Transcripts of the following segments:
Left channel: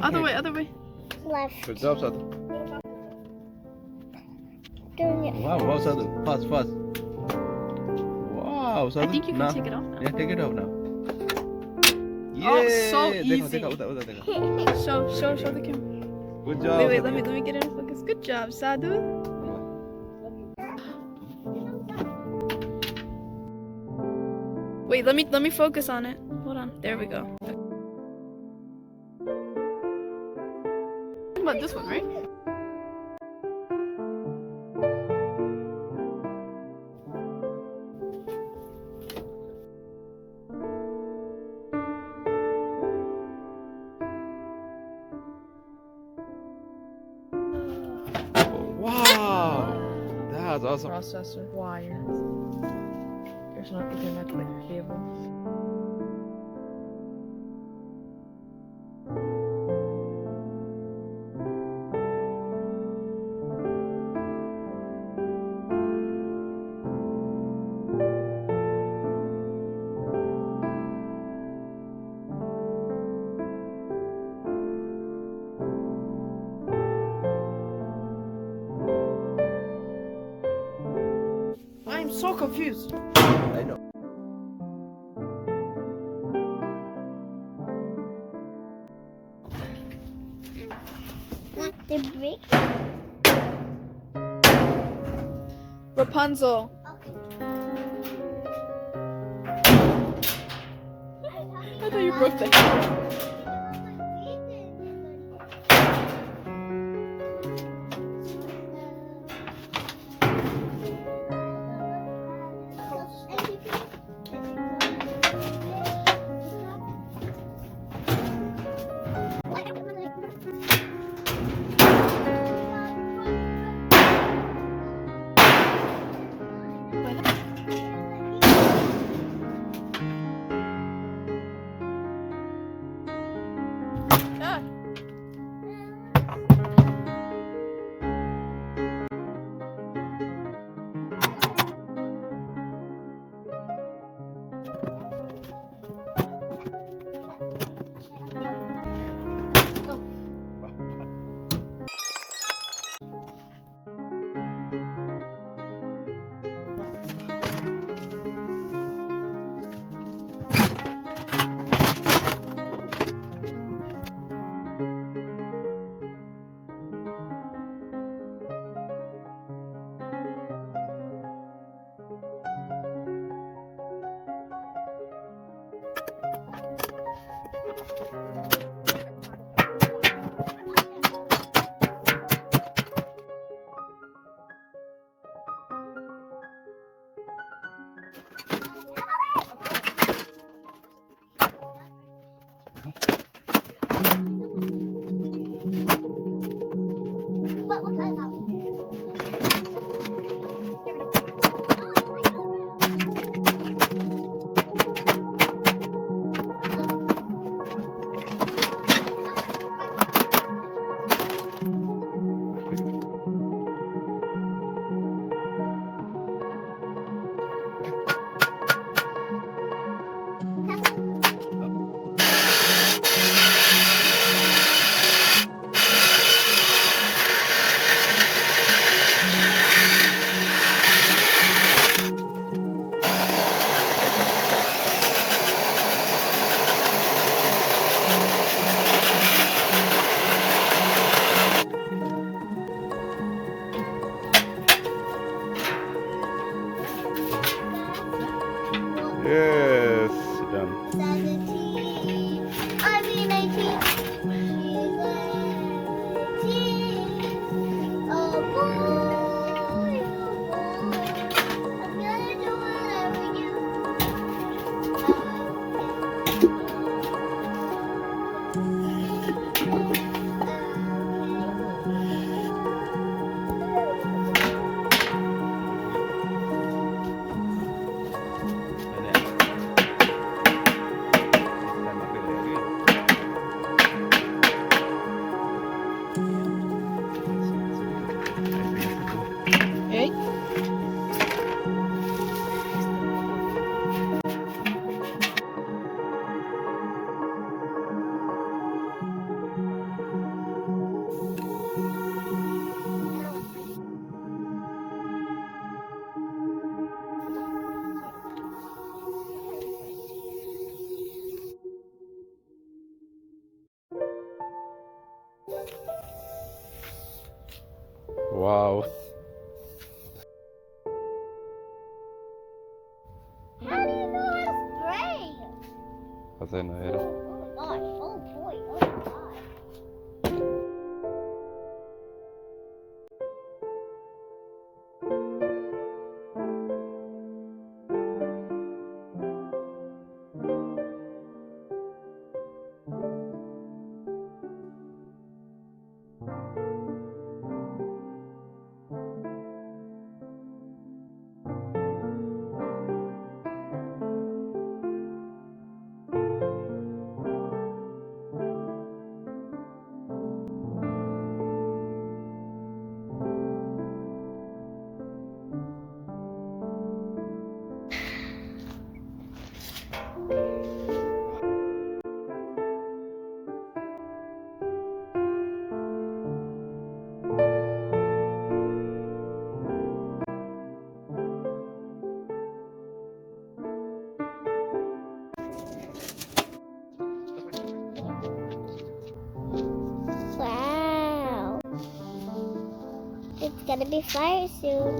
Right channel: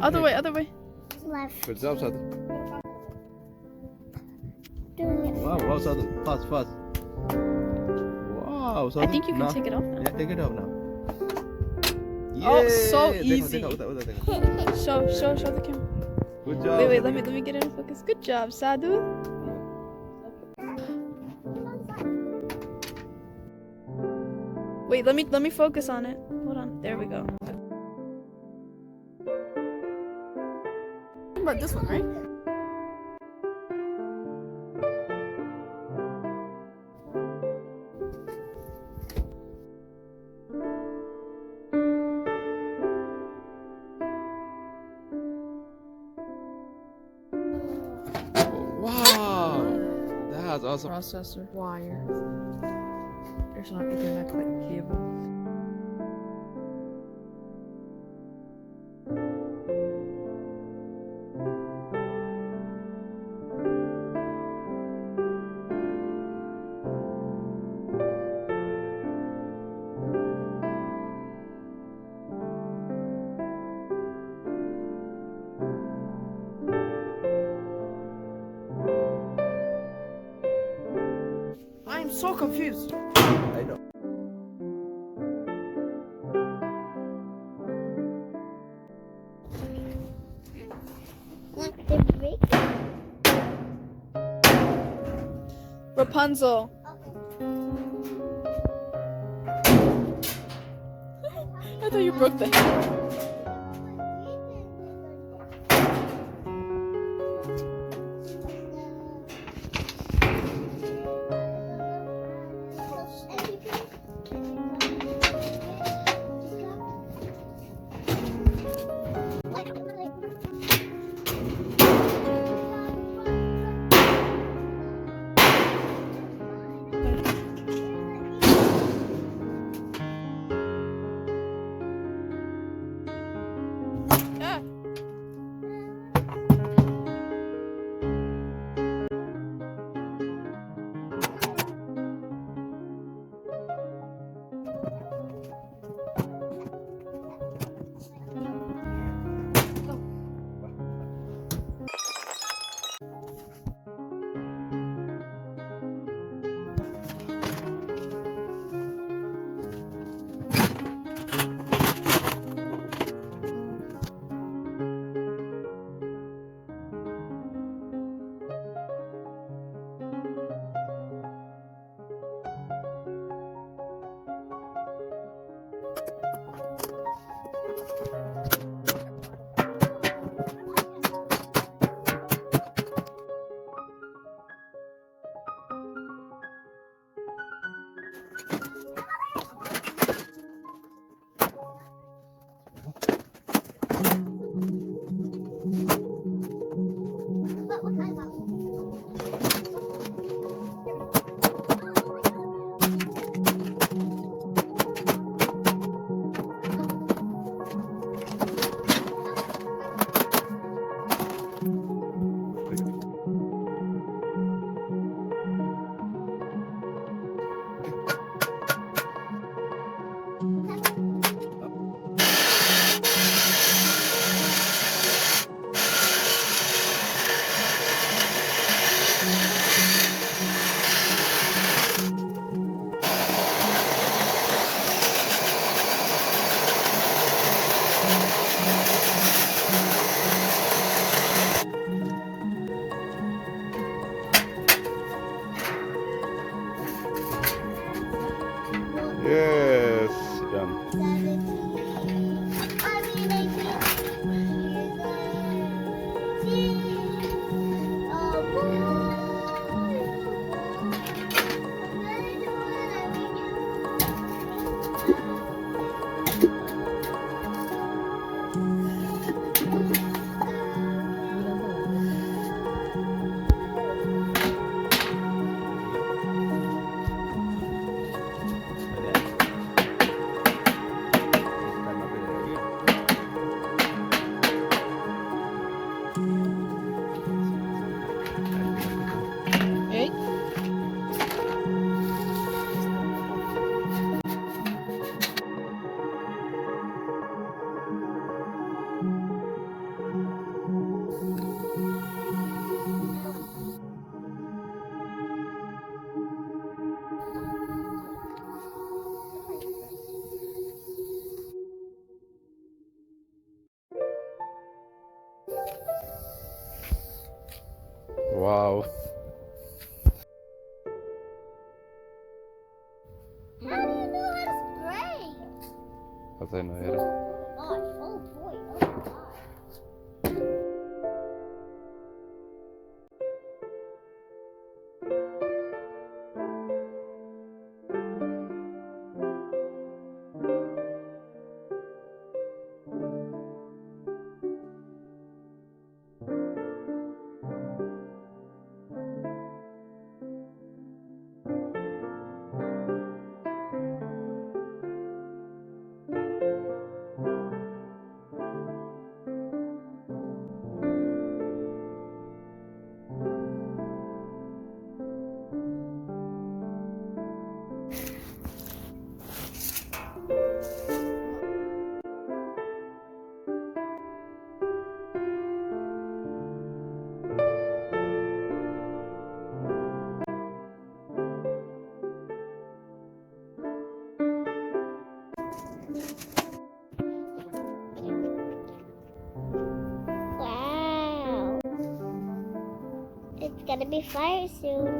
Other way, other way. Left. Good job, Sadhu. Doing it. Wow, wow, Sadhu. Fast, fast. Wow, Sadhu. I think you can now. take it off now. Yeah, take it off now. Oh, so Yay! easy. देखो, उधर, देखो. Show the camera. Good job. Wait, Sadhu. let me get it in focus. Good job, Sadhu. Wait, let me focus on it. Hold on. There we go. What about this one, right? Wow, that's awesome. Processor wire. There's no Ethernet like cable. I'm so confused. I know. Not the big. Rapunzel. I thought you broke that. Yes, done. 17. I mean 19. Oh boy. I'm gonna do whatever you Wow. How do you know how to spray? Wat zijn nou hier? Oh my gosh. Oh boy. Oh my god. Wow. It's gonna be fire soon.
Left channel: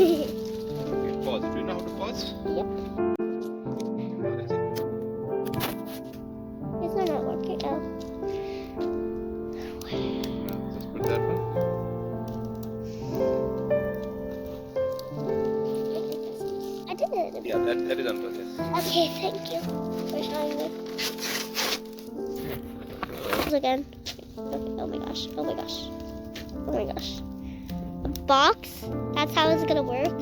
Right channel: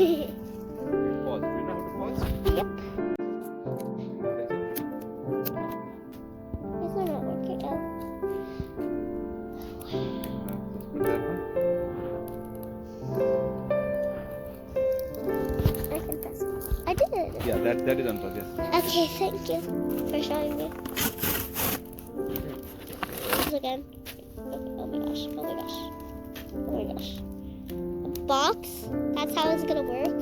Okay, pause. Do you know how to pause? Yep. It's not working. Oh. Just put that one. I can press it. I did it. Yeah, that is unplugged, yes. Okay, thank you for showing me. Again. Oh my gosh. Oh my gosh. Oh my gosh. A box? That's how it's gonna work?